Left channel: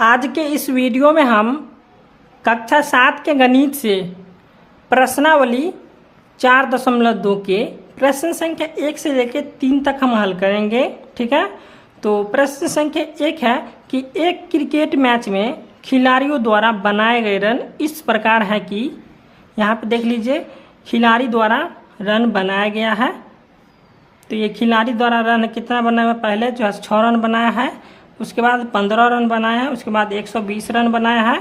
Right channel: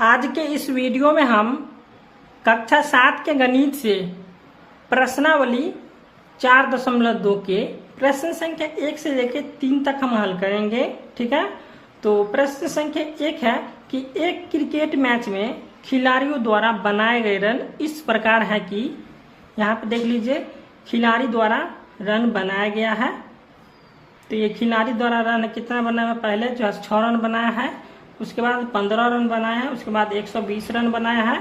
आज के इस वीडियो में हम कक्षा 7 के गणित से प्रश्नावली 4.2 के प्रश्न संख्या 1 से लेकर 3 तक हम हल करेंगे। ठीक है, तो प्रश्न संख्या 1 है कि एक क्रिकेट मैच में खिलाड़ियों द्वारा बनाए गए रन इस प्रकार है कि यहाँ पे देख लीजिए खिलाड़ी द्वारा रन बनाया गया है। तो ये खिलाड़ी द्वारा रन कितना बनाया है, पहले जो है 6 रन बनाया है, उसके बाद 15 रन बनाया है, उसके बाद 120 रन बनाया है,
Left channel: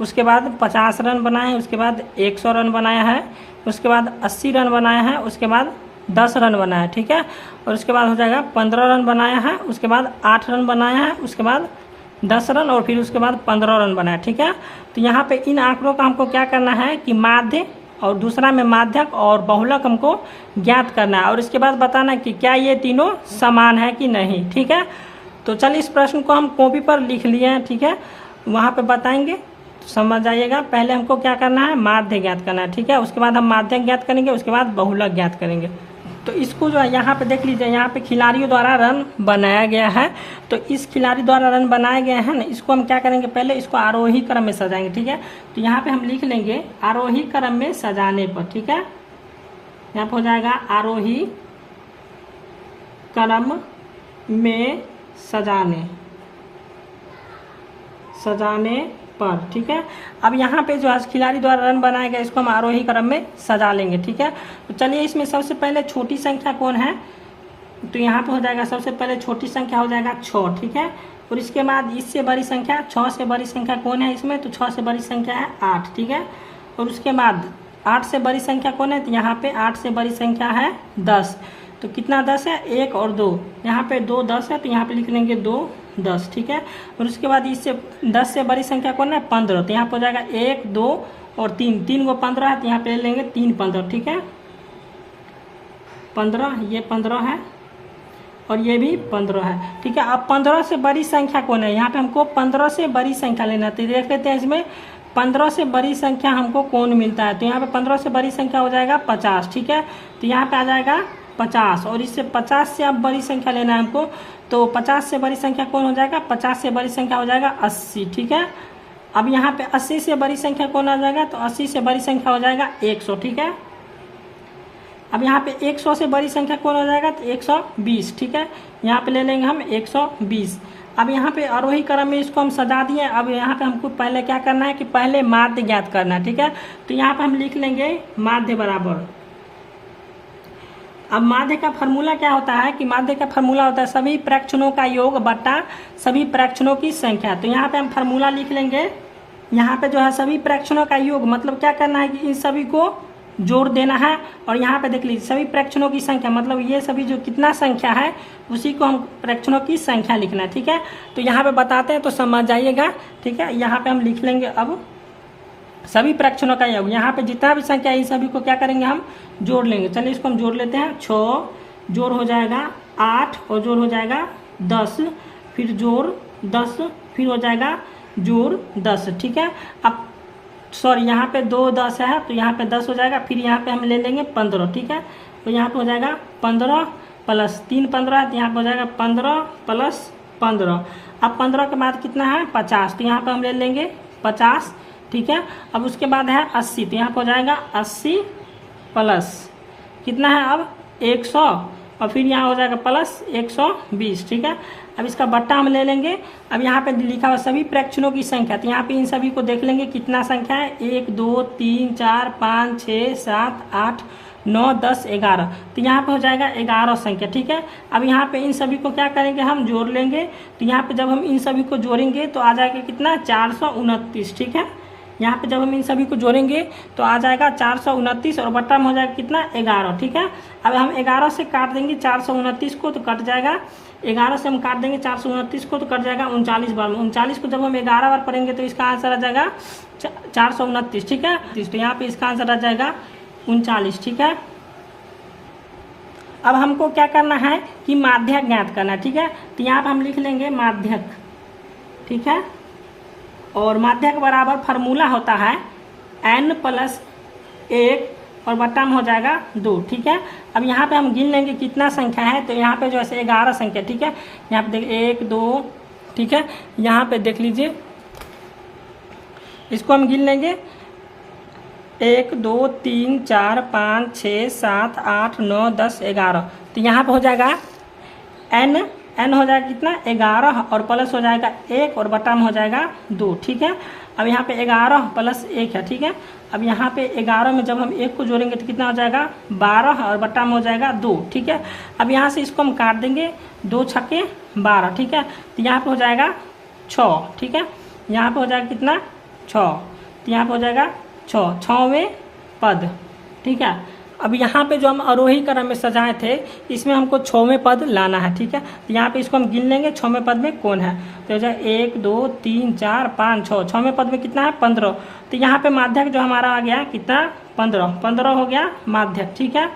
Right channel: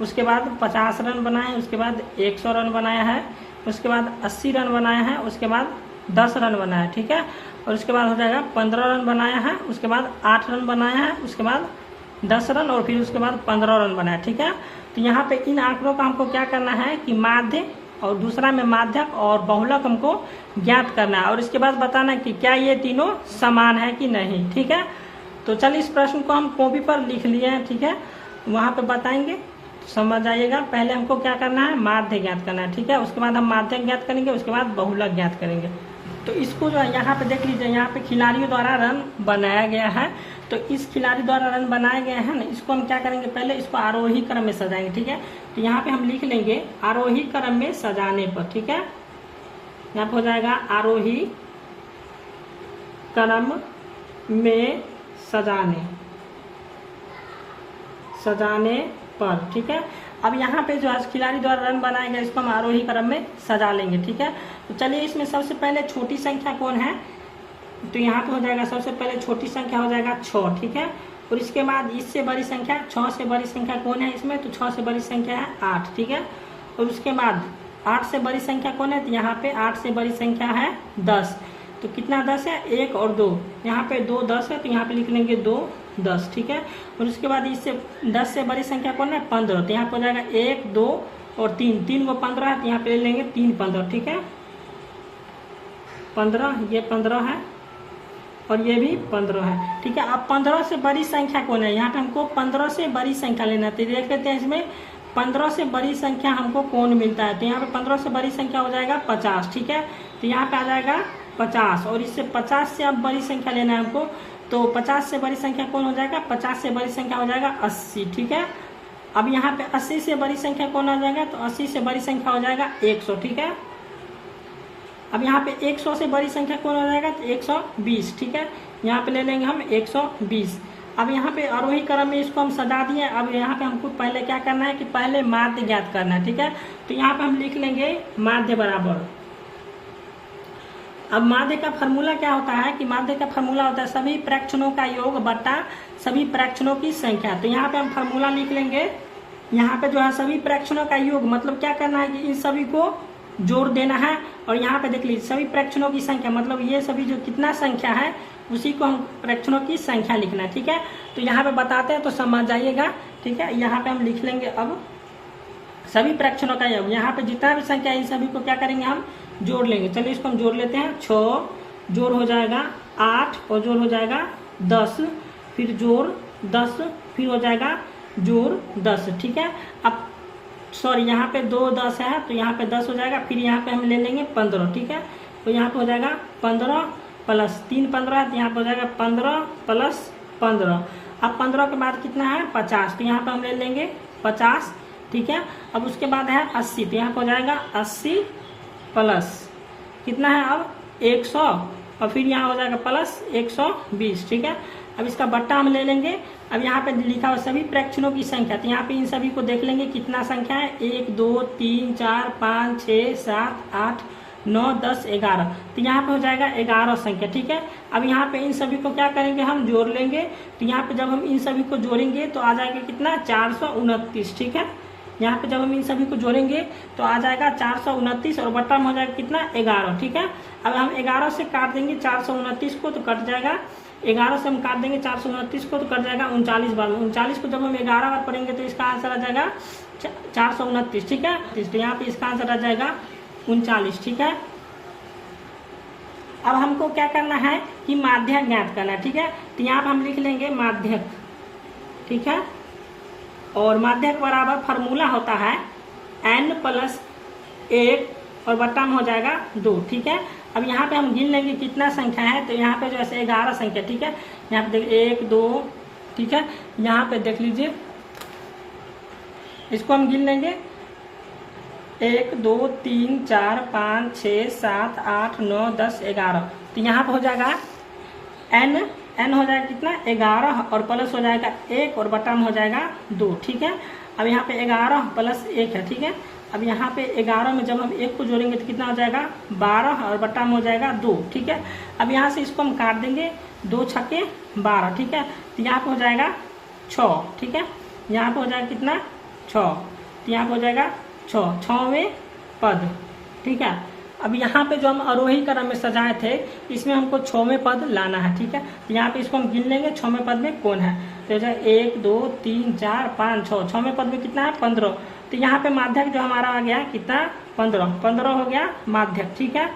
उसके बाद 50 रन बनाए हैं, उसके बाद 100 रन बनाया है, उसके बाद 80 रन बनाया है, उसके बाद 10 रन बनाया है। ठीक है, और उसके बाद हो जाएगा 15 रन बनाया है, उसके बाद 8 रन बनाया है, उसके बाद 10 रन और फिर उसके बाद 15 रन बनाया। ठीक है, तो यहाँ पे इन आंकड़ों का हमको क्या करना है कि माध्य और दूसरा में माध्यक और बहुलक हमको ज्ञात करना है और इसके बाद बताना कि क्या ये तीनों समान है कि नहीं। ठीक है, तो चलिए इस प्रश्न को हम कॉपी पर लिख लिए हैं। ठीक है, वहाँ पे बताएंगे तो समझ जाइएगा। पहले हमको क्या करना है, माध्य ज्ञात करना है। ठीक है, उसके बाद हम माध्यक ज्ञात करेंगे, उसके बाद बहुलक ज्ञात करेंगे। तो इसको जो है यहाँ पे देख लीजिए, यहाँ पे खिलाड़ियों द्वारा रन बनाया गया है। तो इस खिलाड़ी द्वारा रन बनाया गया है ना, इसको हम क्या करेंगे, पहले इसको आरोही क्रम में सजाएंगे। ठीक है, तो यहाँ पे हम लिख लेंगे आरोही क्रम में सजाने पर। ठीक है, यहाँ पे हो जाएगा आरोही क्रम में सजाने पर। ठीक है, अब यहाँ पे जो है खिलाड़ी द्वारा रन बनाया गया, इसको हम आरोही क्रम में सजा लेंगे। ठीक है, तो चलिए इसमें सबसे पहले छोटी संख्या कौन है, तो यहाँ पे हो जाएगा सबसे पहले छोटी संख्या हो जाएगा 6। ठीक है, और इसके बाद इससे बड़ी संख्या 6 से बड़ी संख्या कौन है इसमें, तो 6 से बड़ी संख्या है 8। ठीक है, और उसके बाद 8 से बड़ी संख्या कौन है, तो यहाँ पे 8 से बड़ी संख्या है 10। तो कितना 10 है, 1 और 2, यहाँ पे 2 10 है, तो यहाँ पे लिख लेंगे 2 10। ठीक है, और उसके बाद इससे 10 से बड़ी संख्या कौन है, 15। तो यहाँ पे हो जाएगा 1 2 और 3, 3 को 15 है, तो यहाँ पे ले लेंगे 3 15। ठीक है, 15, ये 15 है और ये भी 15 है। ठीक है, अब 15 से बड़ी संख्या कौन है, यहाँ पे हमको 15 से बड़ी संख्या लेना है। तो देख लेते हैं इसमें 15 से बड़ी संख्या हमको कौन मिलता है, तो यहाँ पे 15 से बड़ी संख्या हो जाएगा 50। ठीक है, तो यहाँ पे आ जाएगा 50 और इससे 50 से अब बड़ी संख्या लेना है हमको, तो 50 से बड़ी संख्या कौन हो जाएगा, 50 से बड़ी संख्या हो जाएगा 80। ठीक है, अब यहाँ पे 80 से बड़ी संख्या कौन आ जाएगा, तो 80 से बड़ी संख्या हो जाएगा 100। ठीक है, अब यहाँ पे 100 से बड़ी संख्या कौन हो जाएगा, तो 120। ठीक है, यहाँ पे ले लेंगे हम 120। अब यहाँ पे आरोही क्रम में इसको हम सजा दिए। अब यहाँ पे हमको पहले क्या करना है कि पहले माध्य ज्ञात करना है। ठीक है, तो यहाँ पे हम लिख लेंगे माध्य बराबर, अब माध्य का फॉर्मूला क्या होता है कि माध्य का फॉर्मूला होता है सभी प्रेक्षणों का योग बटा सभी प्रेक्षणों की संख्या। तो यहाँ पे हम फॉर्मूला लिख लेंगे, यहाँ पे जो है सभी प्रेक्षणों का योग मतलब क्या करना है कि इन सभी को जोड़ देना है। और यहाँ पे देख लीजिए सभी प्रेक्षणों की संख्या मतलब ये सभी जो कितना संख्या है उसी को हम प्रेक्षणों की संख्या लिखना है। ठीक है, तो यहाँ पे बताते हैं तो समझ जाइएगा। ठीक है, यहाँ पे हम लिख लेंगे अब सभी प्रेक्षणों का योग, यहाँ पे जितना भी संख्या है इन सभी को क्या करेंगे हम जोड़ लेंगे। चलिए इसको हम जोड़ लेते हैं। 6 जोड़ हो जाएगा 8 और जोड़ हो जाएगा 10, फिर जोड़ 10, फिर हो जाएगा जोड़ 10। ठीक है, अब सॉरी यहाँ पे 2 10 है तो यहाँ पे 10 हो जाएगा, फिर यहाँ पे हम ले लेंगे 15। ठीक है, तो यहाँ पे हो जाएगा 15 प्लस 3 15 है, तो यहाँ पे हो जाएगा 15 प्लस 15। अब 15 के बाद कितना है 50, तो यहाँ पे हम ले लेंगे 50। ठीक है, अब उसके बाद है 80, तो यहाँ पे हो जाएगा 80 प्लस कितना है अब 100 और फिर यहाँ हो जाएगा प्लस 120। ठीक है, अब इसका बट्टा हम ले लेंगे। अब यहाँ पे लिखा हुआ सभी प्रेक्षणों की संख्या, तो यहाँ पे इन सभी को देख लेंगे कितना संख्या है, 1 2 3 4 5 6 7 8 9 10 11, तो यहाँ पे हो जाएगा 11 संख्या। ठीक है, अब यहाँ पे इन सभी को क्या करेंगे हम जोड़ लेंगे। तो यहाँ पे जब हम इन सभी को जोड़ेंगे तो आ जाएगा कितना 429। ठीक है, यहाँ पे जब हम इन सभी को जोड़ेंगे तो आ जाएगा 429 और बट्टा में हो जाएगा कितना 11। ठीक है, अब हम 11 से काट देंगे 429 को तो कट जाएगा, 11 से हम काट देंगे 429 को तो कट जाएगा 39 बार। 39 को जब हम 11 बार पढ़ेंगे तो इसका आंसर आ जाएगा 429। ठीक है, तो यहाँ पे इसका आंसर आ जाएगा 39। ठीक है, अब हमको क्या करना है कि माध्यक ज्ञात करना है। ठीक है, तो यहाँ पे हम लिख लेंगे माध्यक। ठीक है, और माध्यक बराबर फॉर्मूला होता है n प्लस 1 और बट्टा में हो जाएगा 2। ठीक है, अब यहाँ पे हम गिन लेंगे कितना संख्या है, तो यहाँ पे जो है 11 संख्या। ठीक है, यहाँ पे देखिए 1 2 ठीक है। यहाँ पे देख लीजिए, इसको हम गिन लेंगे 1 2 3 4 5 6 7 8 9 10 11। तो यहाँ पे हो जाएगा n हो जाएगा कितना 11 और प्लस हो जाएगा 1 और बटा में हो जाएगा 2, ठीक है। अब यहाँ पे 11 प्लस 1 है, ठीक है। अब यहाँ पे 11 में जब हम 1 को जोड़ेंगे तो कितना हो जाएगा 12 और बटा में हो जाएगा 2, ठीक है। अब यहाँ से इसको हम काट देंगे, 2 छक्के 12, ठीक है। तो यहाँ पे हो जाएगा 6, ठीक है। यहाँ पे हो जाएगा कितना 6, तो यहाँ पे हो जाएगा 6, 6वें पद, ठीक है। अब यहाँ पे जो हम आरोही क्रम में सजाए थे, इसमें हमको 6वें पद लाना है, ठीक है। तो यहाँ पे इसको हम गिन लेंगे 6वें पद में कौन है। तो हो जाएगा 1 2 3 4 5 6, 6वें पद में कितना है 15। तो यहाँ पे माध्यक जो हमारा आ गया कितना 15 हो गया माध्यक, ठीक है।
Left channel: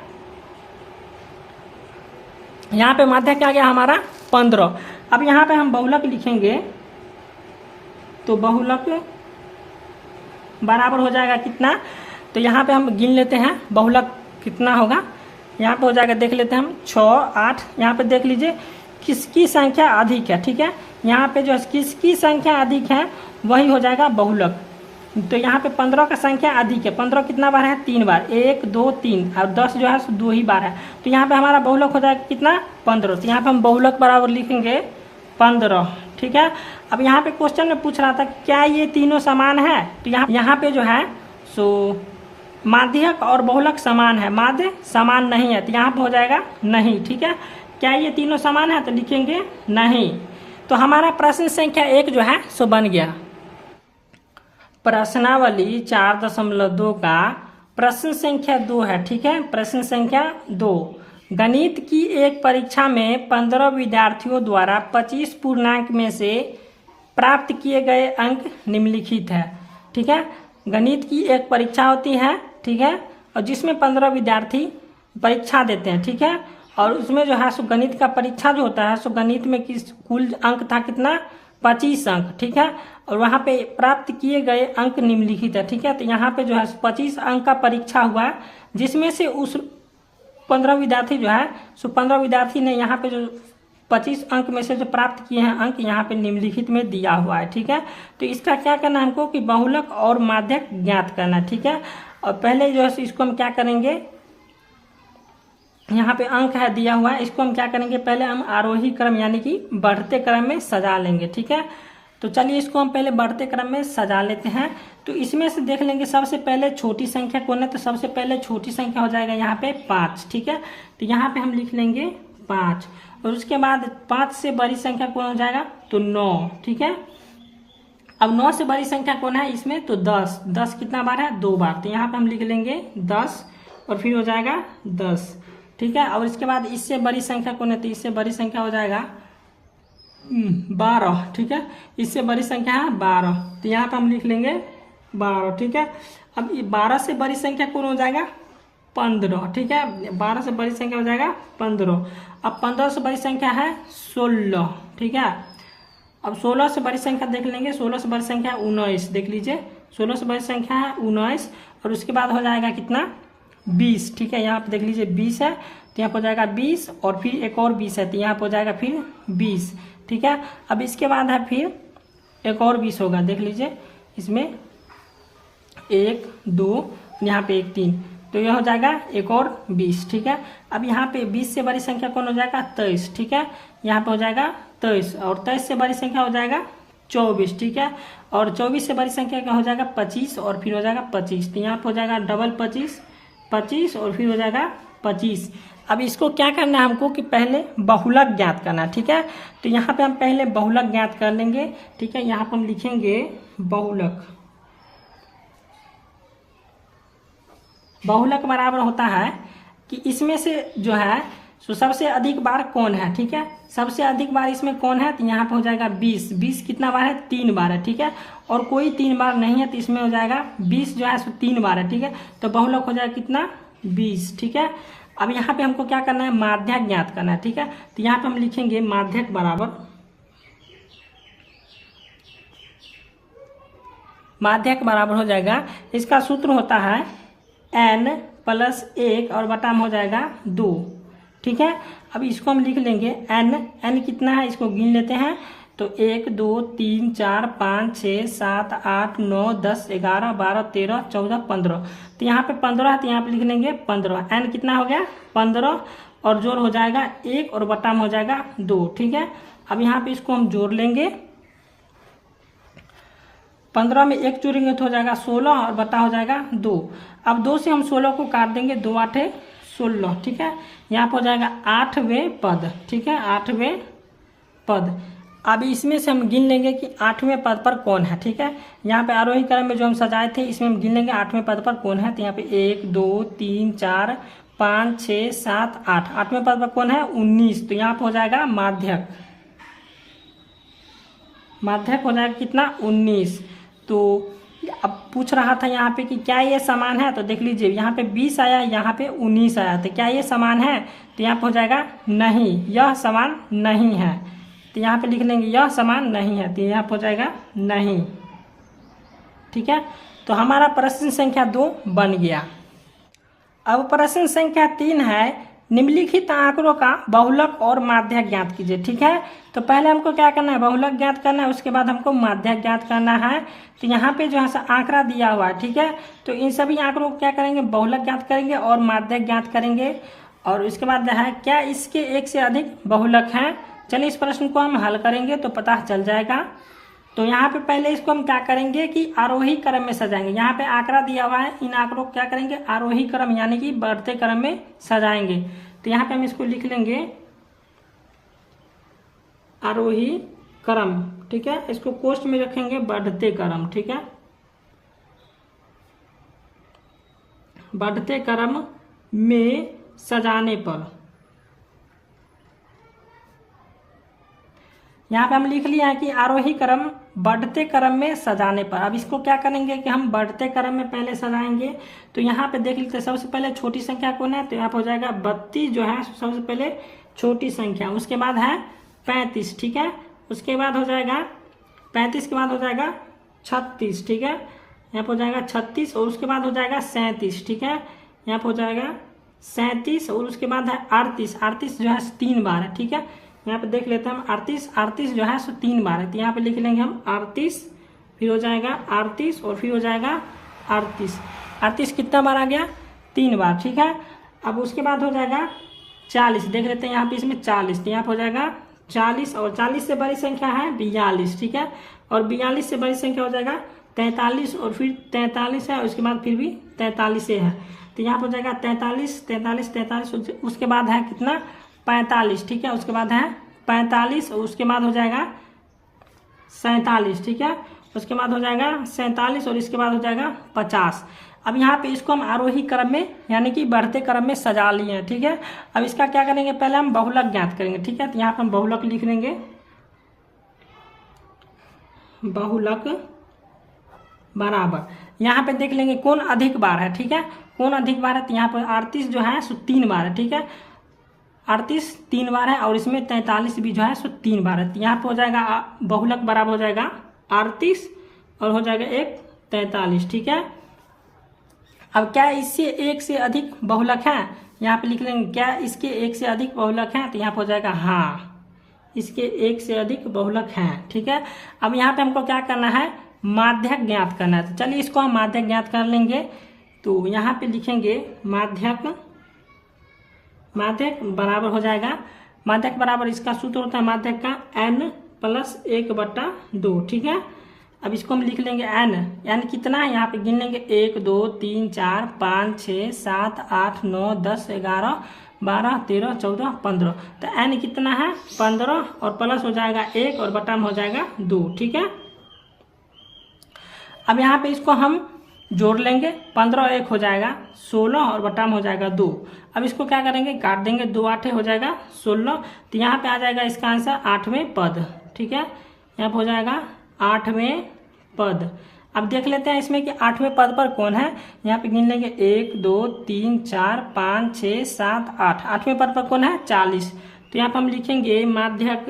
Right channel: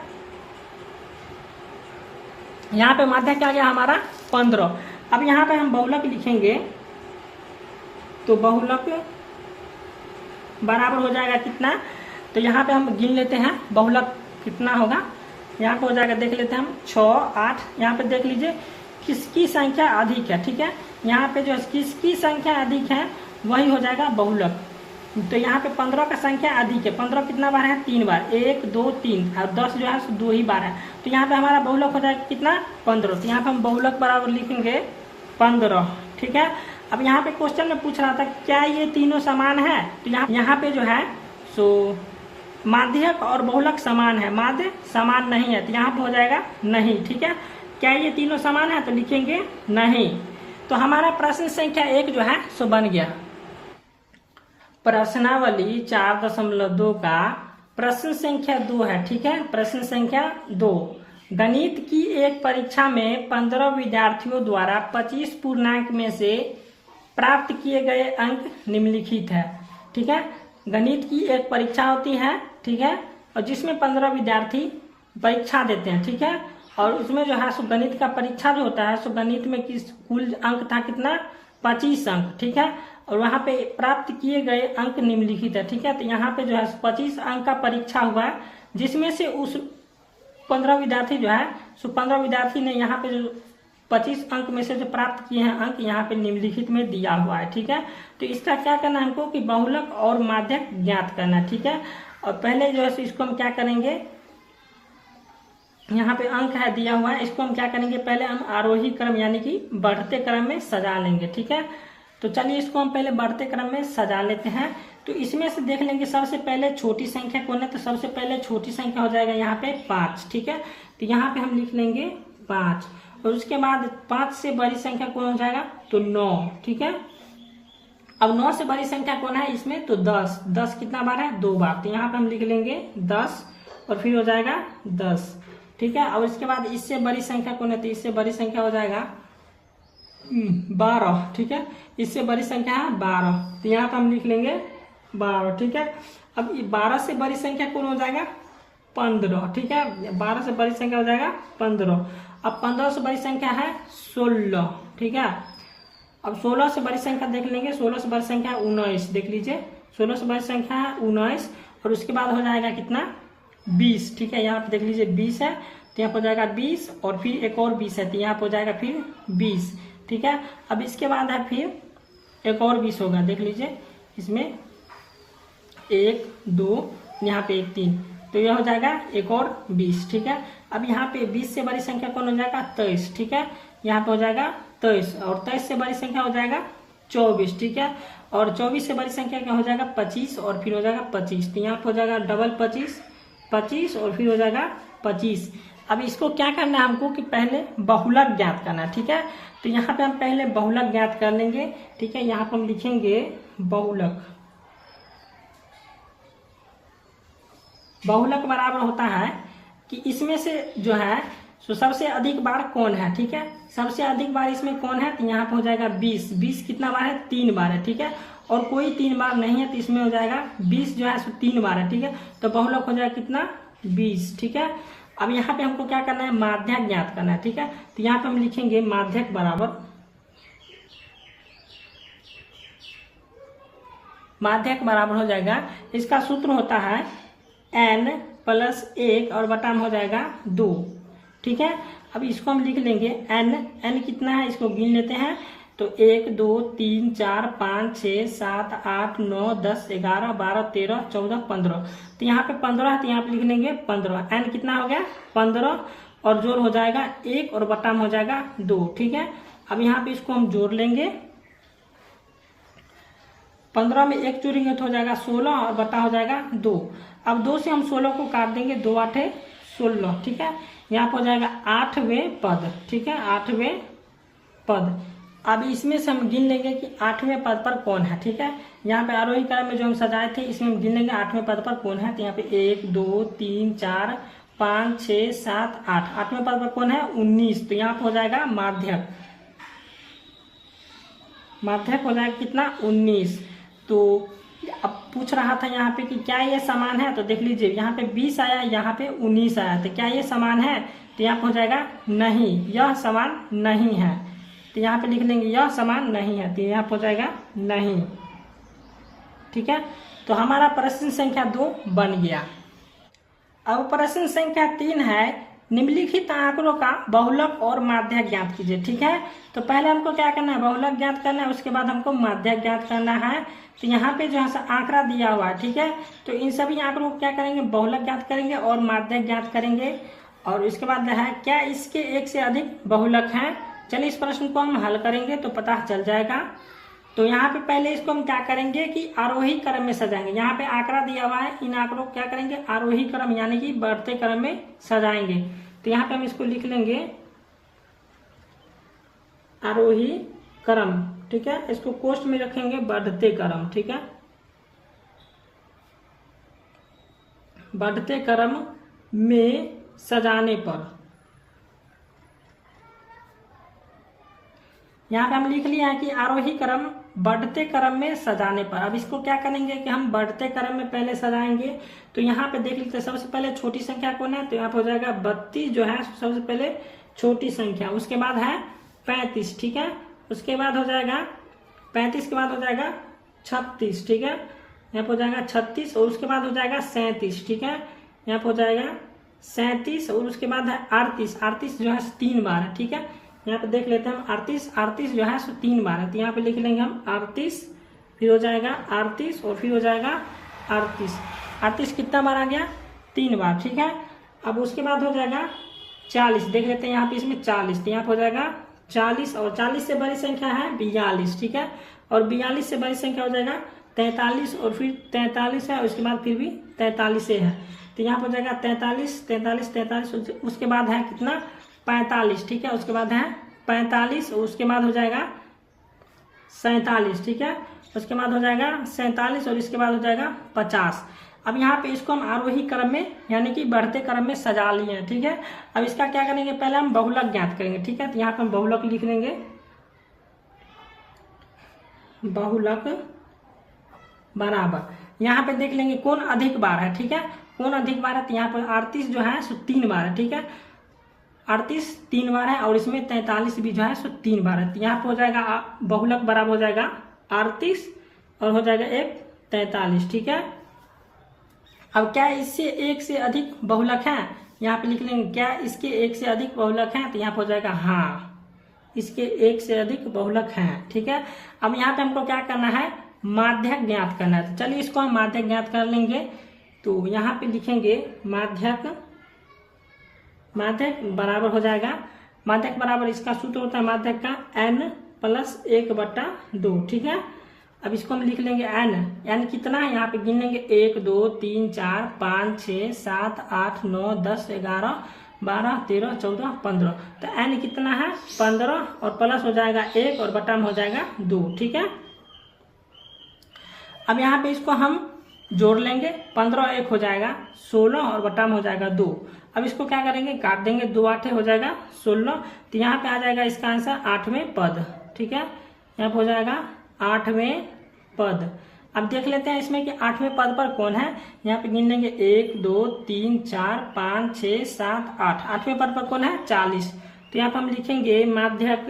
यहाँ पे माध्यक आ गया हमारा 15। अब यहाँ पे हम बहुलक लिखेंगे, तो बहुलक बराबर हो जाएगा कितना। तो यहाँ पे हम गिन लेते हैं बहुलक कितना होगा। यहाँ पे हो जाएगा, देख लेते हैं हम 6 8। यहाँ पे देख लीजिए किसकी संख्या अधिक है, ठीक है। यहाँ पे जो किसकी संख्या अधिक है वही हो जाएगा बहुलक। तो यहाँ पे 15 का संख्या अधिक है। 15 कितना बार है 3 बार, 1 2 3, और 10 जो है 2 ही बार है। तो यहाँ पे हमारा बहुलक हो जाएगा कितना 15। तो यहाँ पे हम बहुलक बराबर लिखेंगे 15, ठीक है। अब यहाँ पे क्वेश्चन में पूछ रहा था क्या ये तीनों समान है। तो यहाँ पे जो है सो माध्यक और बहुलक समान है, माध्य समान नहीं है। तो यहाँ पे हो जाएगा नहीं, ठीक है। क्या ये तीनों समान है, तो लिखेंगे नहीं। तो हमारा प्रश्न संख्या 1 जो है सो बन गया। प्रश्नावली 4.2 का प्रश्न संख्या 2 है, ठीक है। प्रश्न संख्या 2, गणित की एक परीक्षा में 15 विद्यार्थियों द्वारा 25 पूर्णांक में से प्राप्त किए गए अंक निम्नलिखित है, ठीक है। गणित की एक परीक्षा होती है, ठीक है, और जिसमें 15 विद्यार्थी परीक्षा देते हैं, ठीक है। और उसमें जो है सो गणित का परीक्षा जो होता है सो गणित में किस कुल अंक था कितना 25 अंक, ठीक है। और वहां पे प्राप्त किए गए अंक निम्नलिखित है, ठीक है। तो यहाँ पे जो है 25 अंक का परीक्षा हुआ है, जिसमें से उस 15 विद्यार्थी जो है सो 15 विद्यार्थी ने यहाँ पे जो 25 अंक में से जो प्राप्त किए हैं अंक यहाँ पे निम्नलिखित में दिया हुआ है, ठीक है। तो इसका क्या करना है हमको कि बहुलक और माध्यक ज्ञात करना है, ठीक है। और पहले जो है इसको हम क्या करेंगे, यहाँ पे अंक है दिया हुआ है, इसको हम क्या करेंगे पहले हम आरोही क्रम यानी कि बढ़ते क्रम में सजा लेंगे, ठीक है। तो चलिए इसको हम पहले बढ़ते क्रम में सजा लेते हैं। तो इसमें से देख लेंगे सबसे पहले छोटी संख्या कौन है। तो सबसे पहले छोटी संख्या हो जाएगा यहाँ पे 5, ठीक है। तो यहाँ पे हम लिख लेंगे 5, और उसके बाद 5 से बड़ी संख्या कौन हो जाएगा तो 9, ठीक है। अब 9 से बड़ी संख्या कौन है इसमें तो 10। 10 कितना बार है 2 बार। तो यहाँ पे हम लिख लेंगे 10 और फिर हो जाएगा 10, ठीक है। और इसके बाद इससे बड़ी संख्या कौन है तो इससे बड़ी संख्या हो जाएगा 12, ठीक है। इससे बड़ी संख्या है 12, तो यहाँ पे हम लिख लेंगे 12, ठीक है। अब 12 से बड़ी संख्या कौन हो जाएगा 15, ठीक है। 12 से बड़ी संख्या हो जाएगा 15। अब 15 से बड़ी संख्या है 16, ठीक है। अब 16 से बड़ी संख्या देख लेंगे, 16 से बड़ी संख्या 19, देख लीजिए 16 से बड़ी संख्या है 19, और उसके बाद हो जाएगा कितना 20, ठीक है। यहाँ पे देख लीजिए 20 है, तो यहाँ पे हो जाएगा 20, और फिर एक और 20 है, तो यहाँ पे हो जाएगा फिर 20, ठीक है। अब इसके बाद है फिर एक और 20 होगा, देख लीजिए इसमें 1 2, यहाँ पे 1 3, तो यह हो जाएगा एक और 20, ठीक है। अब यहाँ पे 20 से बड़ी संख्या कौन हो जाएगा 23, ठीक है। यहाँ पे हो जाएगा 23, और 23 से बड़ी संख्या हो जाएगा 24, ठीक है। और 24 से बड़ी संख्या क्या हो जाएगा 25, और फिर हो जाएगा 25, तो यहाँ पे हो जाएगा डबल 25 25, और फिर हो जाएगा 25। अब इसको क्या करना है हमको कि पहले बहुलक ज्ञात करना है, ठीक है। तो यहाँ पे हम पहले बहुलक ज्ञात कर लेंगे, ठीक है। यहाँ पे हम लिखेंगे बहुलक। बहुलक बराबर होता है कि इसमें से जो है तो सबसे अधिक बार कौन है, ठीक है। सबसे अधिक बार इसमें कौन है तो यहाँ पे हो जाएगा 20। 20 कितना बार है 3 बार है, ठीक है। और कोई 3 बार नहीं है तो इसमें हो जाएगा 20 जो है 3 बार है, ठीक है। तो बहुलक हो जाएगा कितना 20, ठीक है। अब यहाँ पे हमको क्या करना है माध्यक ज्ञात करना है, ठीक है। तो यहाँ पे हम लिखेंगे माध्यक बराबर, माध्यक बराबर हो जाएगा, इसका सूत्र होता है n + 1 और बटा में हो जाएगा 2, ठीक है। अब इसको हम लिख लेंगे n कितना है इसको गिन लेते हैं। तो 1 2 3 4 5 6 7 8 9 10 11 12 13 14 15। तो यहाँ पे 15 है, तो यहाँ पे लिख लेंगे 15। एन कितना हो गया 15, और जोड़ हो जाएगा 1 और बटा में हो जाएगा 2। ठीक है, अब यहाँ पे इसको हम जोड़ लेंगे। 15 में 1 जोड़ेंगे तो हो जाएगा 16 और बटा हो जाएगा 2। अब 2 से हम 16 को काट देंगे, 2 8 16। ठीक है, यहाँ पर हो जाएगा 8वें पद। ठीक है, 8वें पद। अब इसमें से हम गिन लेंगे कि 8वें पद पर कौन है। ठीक है, यहाँ पे आरोही क्रम में जो हम सजाए थे इसमें हम गिन लेंगे 8वें पद पर कौन है। तो यहाँ पे 1 2 3 4 5 6 7 8। 8वें पद पर कौन है 19। तो यहाँ पे हो जाएगा माध्यक। माध्यक हो जाएगा कितना 19। तो अब पूछ रहा था यहाँ पे कि क्या ये समान है, तो देख लीजिए यहाँ पे 20 आया, यहाँ पे 19 आया, तो क्या ये समान है। तो यहाँ पे हो जाएगा नहीं, यह समान नहीं है। तो यहाँ पे लिख लेंगे यह समान नहीं है, तो यहाँ पे हो जाएगा नहीं। ठीक है, तो हमारा प्रश्न संख्या 2 बन गया। अब प्रश्न संख्या 3 है, निम्नलिखित आंकड़ों का बहुलक और माध्यक ज्ञात कीजिए। ठीक है, तो पहले हमको क्या करना है बहुलक ज्ञात करना है, उसके बाद हमको माध्यक ज्ञात करना है। तो यहाँ पे जो है आंकड़ा दिया हुआ है। ठीक है, तो इन सभी आंकड़ों को क्या करेंगे बहुलक ज्ञात करेंगे और माध्यक ज्ञात करेंगे। और उसके बाद है क्या इसके एक से अधिक बहुलक हैं। चलिए इस प्रश्न को हम हल करेंगे तो पता चल जाएगा। तो यहाँ पे पहले इसको हम क्या करेंगे कि आरोही क्रम में सजाएंगे। यहाँ पे आंकड़ा दिया हुआ है, इन आंकड़ों को क्या करेंगे आरोही क्रम यानी कि बढ़ते क्रम में सजाएंगे। तो यहाँ पे हम इसको लिख लेंगे आरोही क्रम। ठीक है, इसको कोष्ठ में रखेंगे बढ़ते क्रम। ठीक है, बढ़ते क्रम में सजाने पर यहाँ पे हम लिख लिया है कि आरोही क्रम बढ़ते क्रम में सजाने पर। अब इसको क्या करेंगे कि हम बढ़ते क्रम में पहले सजाएंगे। तो यहाँ पे देख लेते हैं सबसे पहले छोटी संख्या कौन है, तो यहाँ पे हो जाएगा 32 जो है सबसे पहले छोटी संख्या। उसके बाद है 35। ठीक है, उसके बाद हो जाएगा 35 के बाद हो जाएगा 36। ठीक है, यहाँ पे हो जाएगा 36 और उसके बाद हो जाएगा 37। ठीक है, यहाँ पे हो जाएगा 37 और उसके बाद है 38। 38 जो है 3 बार है। ठीक है, यहाँ पे देख लेते हैं हम 38 जो है 3 बार है। तो यहाँ पे लिख लेंगे हम 38, फिर हो जाएगा 38 और फिर हो जाएगा 38 कितना बार आ गया 3 बार। ठीक है, अब उसके बाद हो जाएगा 40। देख लेते हैं यहाँ पे इसमें 40, तो यहाँ पे हो जाएगा 40 और 40 से बड़ी संख्या है 42। ठीक है, और 42 से बड़ी संख्या हो जाएगा 43 और फिर 43 है, उसके बाद फिर भी 43 है। तो यहाँ पे हो जाएगा 43 उसके बाद है कितना 45। ठीक है, उसके बाद है 45 और उसके बाद हो जाएगा 47। ठीक है, उसके बाद हो जाएगा 47 और इसके बाद हो जाएगा 50। अब यहाँ पे इसको हम आरोही क्रम में यानी कि बढ़ते क्रम में सजा लिए हैं। ठीक है, अब इसका क्या करेंगे पहले हम बहुलक ज्ञात करेंगे। ठीक है, तो यहाँ पे हम बहुलक लिख लेंगे बहुलक बराबर यहाँ पे देख लेंगे कौन अधिक बार है। ठीक है, कौन अधिक बार है, तो यहाँ पर 38 जो है 3 बार है। ठीक है, 38 3 बार है और इसमें 43 भी जो है 3 बार है। तो यहाँ पे हो जाएगा बहुलक बराबर हो जाएगा 38 और हो जाएगा 43। ठीक है, अब क्या इससे एक से अधिक बहुलक है, यहाँ पे लिख लेंगे क्या इसके एक से अधिक बहुलक हैं, तो यहाँ पे हो जाएगा हाँ इसके एक से अधिक बहुलक हैं। ठीक है, अब यहाँ पे हमको क्या करना है माध्यक ज्ञात करना है। तो चलिए इसको हम माध्यक ज्ञात कर लेंगे। तो यहाँ पे लिखेंगे माध्यक बराबर हो जाएगा, माध्यक बराबर इसका सूत्र होता है माध्यक का n+1/2। ठीक है, अब इसको हम लिख लेंगे n कितना है, यहाँ पे गिन लेंगे 1 2 3 4 5 6 7 8 9 10 11 12 13 14 15। तो n कितना है 15 और प्लस हो जाएगा 1 और बटा में हो जाएगा 2। ठीक है, अब यहाँ पे इसको हम जोड़ लेंगे 15 और 1 हो जाएगा 16 और बटा में हो जाएगा 2। अब इसको क्या करेंगे काट देंगे, 2 8 हो जाएगा 16। तो यहाँ पे आ जाएगा इसका आंसर 8वें पद। ठीक है, यहाँ पे हो जाएगा 8वें पद। अब देख लेते हैं इसमें कि 8वें पद पर कौन है। यहाँ पे गिन लेंगे 1 2 3 4 5 6 7 8। 8वें पद पर कौन है 40। तो यहाँ पे हम लिखेंगे माध्यक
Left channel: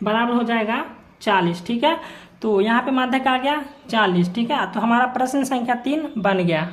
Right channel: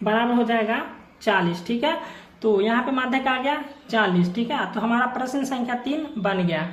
बराबर हो जाएगा 40। ठीक है, तो यहाँ पे माध्यक आ गया 40। ठीक है, तो हमारा प्रश्न संख्या 3 बन गया।